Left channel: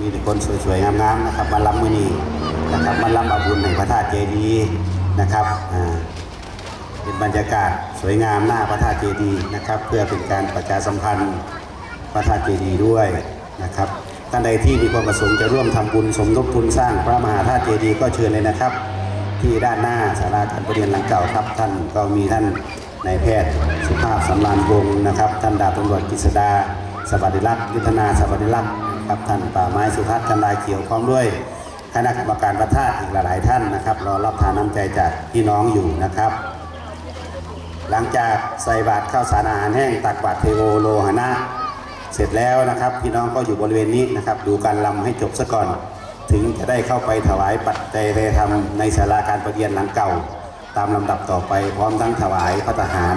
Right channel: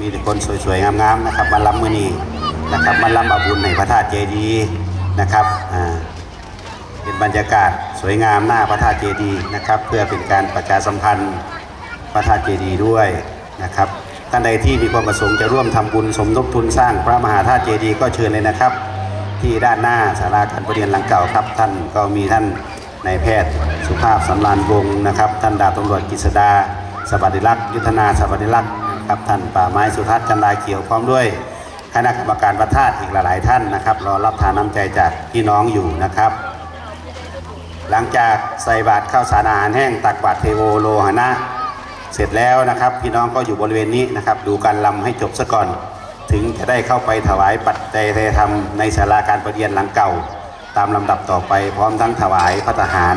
มีแต่คนสวยๆ งามๆ นะครับ มาลำมือนีนะครับ มาลำอาบุญในพระธาตุเจดีย์นะครับอ่าเป็นบรรยากาศสวยงามหน้าพระธาตุเจดีย์นะครับ เพื่อเป็นการประชาสัมพันธ์พระธาตุเจดีย์ด้วยนะครับท่านใดที่มีความประสงค์จะร่วมทำบุญสมทบทุนสร้างพระมหาธาตุเจดีย์ก็เชิญเลยนะครับ ที่ด้านหน้าศาลาการประเรียนหลังเก่าครับ ท่านก็มีท่านนายแพทย์สุภาพสำรานวงศ์นะครับ ท่านดาบตำรวจกฤษดาสวัสดิลักษณ์ยุทธนาสวัสดิลักษณ์ นะครับท่านป่าไม้สุทัศน์จันดาเขียวพร้อมด้วยคณะกรรมการประทาตอีกหลายๆท่านนะครับรอรับทานน้ำใจจากพี่น้องอยู่นะครับ หลังจากใส่บาตรข้าวสารอาหารแห้งตักบาตรเทโวโลหนะ เสร็จแล้วนะครับ พี่น้องก็อยู่บริเวณนี้นะครับ ดูการลำให้จบซะก่อน ถึงจะได้เข้าไปถวายปัจจัยเทธรรมในศาลาการประเรียนหลังเก่า ตามลำดับต่อไปพร้อมทั้งถวายพระทหาร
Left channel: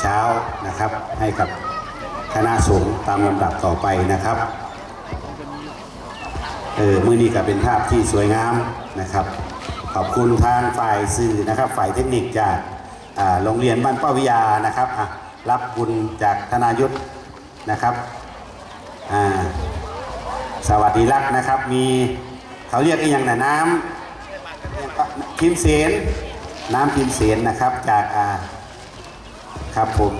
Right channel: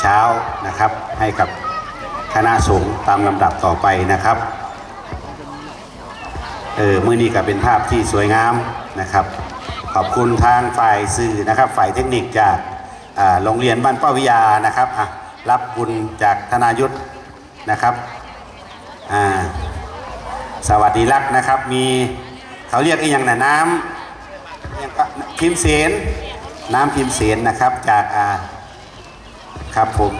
เช้านะครับ ให้กับคณะสงฆ์ตามลำดับต่อไปนะครับ ออมื่อนี้ก็เป็นภาพที่สวยงามนะครับ ขอบคุณทางฝ่ายสื่อนะครับ ฝ่ายเทคนิคจากโรงเรียนบ้านเป้าวิยานะครับอะรับบุญจากธนายุทธนะครับอ่าสวัสดีรักนะครับ มีเขาเรียกอีกอย่างนะน้ำพิมเสนน้ำพิมเสนนะครับจากอ่าครับผม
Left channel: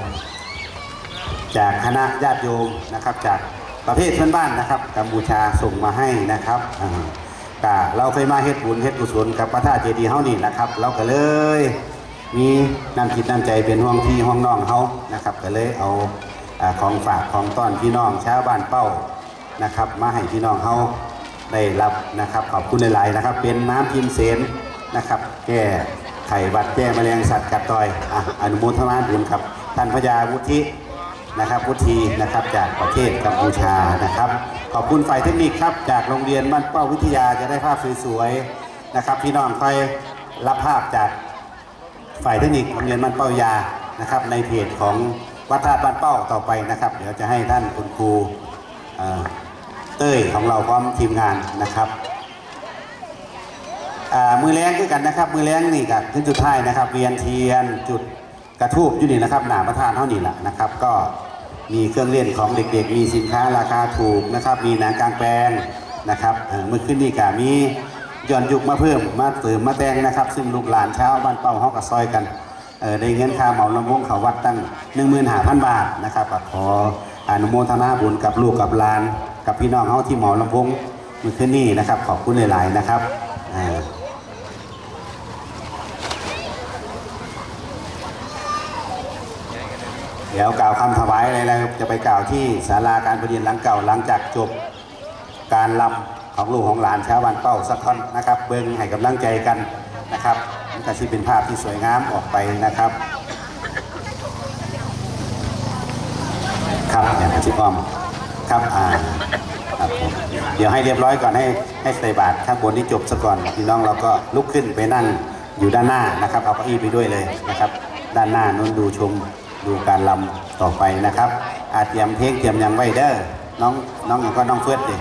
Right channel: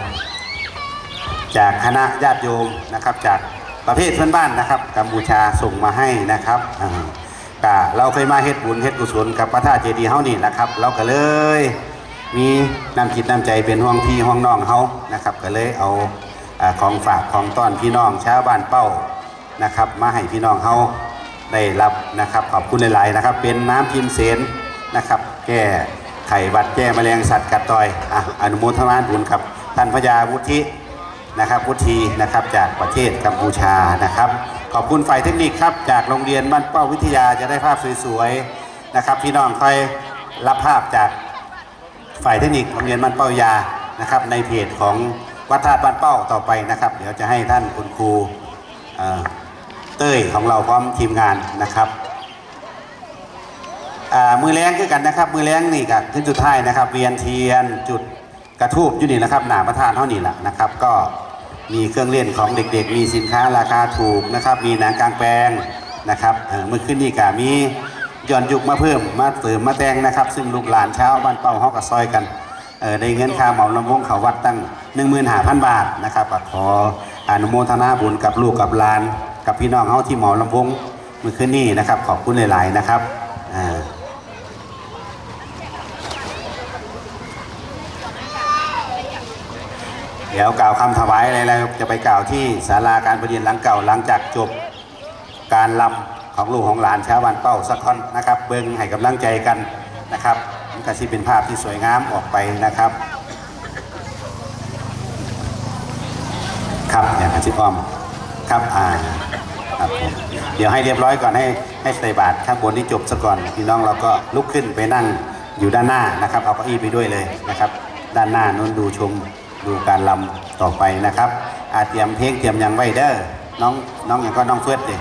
จากคณะญาติโยมนะครับจาก ประเภทเพื่อนบ้านนะครับ กัมพูชาส่งมาให้นะครับก็เราเคยมาเฮ็ดบุญเฮ็ดกุศลกับพระธาตุเจดีย์เฮานี่นะครับ เราก็เลย มีน้ำจิตน้ำใจเป็นห่วงพี่ห่วงน้องเฮานะครับ ก็เลยเอาอของฝากของต้อนพี่น้องชาวบ้านเป้านะครับ มาให้พี่น้องเขาได้รับนะครับขอบคุณหลายๆนะครับ เป็นน้ำพิมเสนนะครับ แก้ไขหวัดแก้แมลงสัตว์กัดต่อยออนุโมทนาบุญครับท่านพญาวุฒิ นะครับวุฒินะครับจากประเทศกัมพูชานะครับ ขอบคุณฝ่ายเทคนิคครับจากโรงเรียนบ้านเป้าวิทยาจะได้ภาพสวยๆนะครับ พี่น้องคอยรับภาพจากฝ่ายเทคนิคโรงเรียนบ้านเป้ายานะครับ ในเพจของวัดธาตุบ้านเป้าต่อไปนะครับ เดี๋ยวจะให้ท่านคุณครูเต้ยของเราพร้อมทีมงานนะครับมือแรงคือกันนะครับ มือแรงนี่กับขึ้นจุดท้ายนะครับ เวียนเทียนจุด กระทูบอยู่นี่นะครับหนาประธานเท่านี้แหละนะครับ ก็มีเครื่องเล่นของเด็กๆ มีสินค้าราคาถูกนะครับ มีหนังกลางแปลงนะครับเออเมื่อขึ้นนี่ก็มีย้อนยุคมาเพิ่มมาเติมมาแต่งนะครับ ซึ่งลูกหลานเช้าบ้านเป้าฮากับซอยกันเออได้เงินค่าเหมาลำวงเขาวัดตั้ง 15,000 บาทนะครับขออนุโมทนาบุญกับลูกกับหลาน กับพี่น้องเฮาที่เหมาลำวงเมื่อคืนนี้นะครับ ขอบคุณหลาย ๆ นะครับอ่า เดี๋ยวกล่าวคำถวายอะไรแล้วจะไปกล่าวที่ศาลาการประเรียนหลังเก่าหลังจากจบการลำของลูกของหลานชาวบ้านเป้าสักคนนะครับ เบิ้งให้กำลังใจกันนะครับมันก็สิเป็นภาพที่สวยงามออกไปนะครับ ครับอย่างอาชิพอมครับอ่าครับเดี๋ยวให้เรียบร้อยก่อนให้ให้ใส่บาตรข้างบนนี้จบซะก่อนพี่น้องเราก็ลุกขึ้นไปนั่งอยู่ด้านหน้านะครับ เอาเก้าอี้ไปด้วยเลยนะครับ ด้านหน้านู้นดูชม ดูการลำต่อไปนะครับอาเตรียมเพลงเตรียมยังไว้เด้อน้องน้องอย่างก็น้องเฟิร์สดิ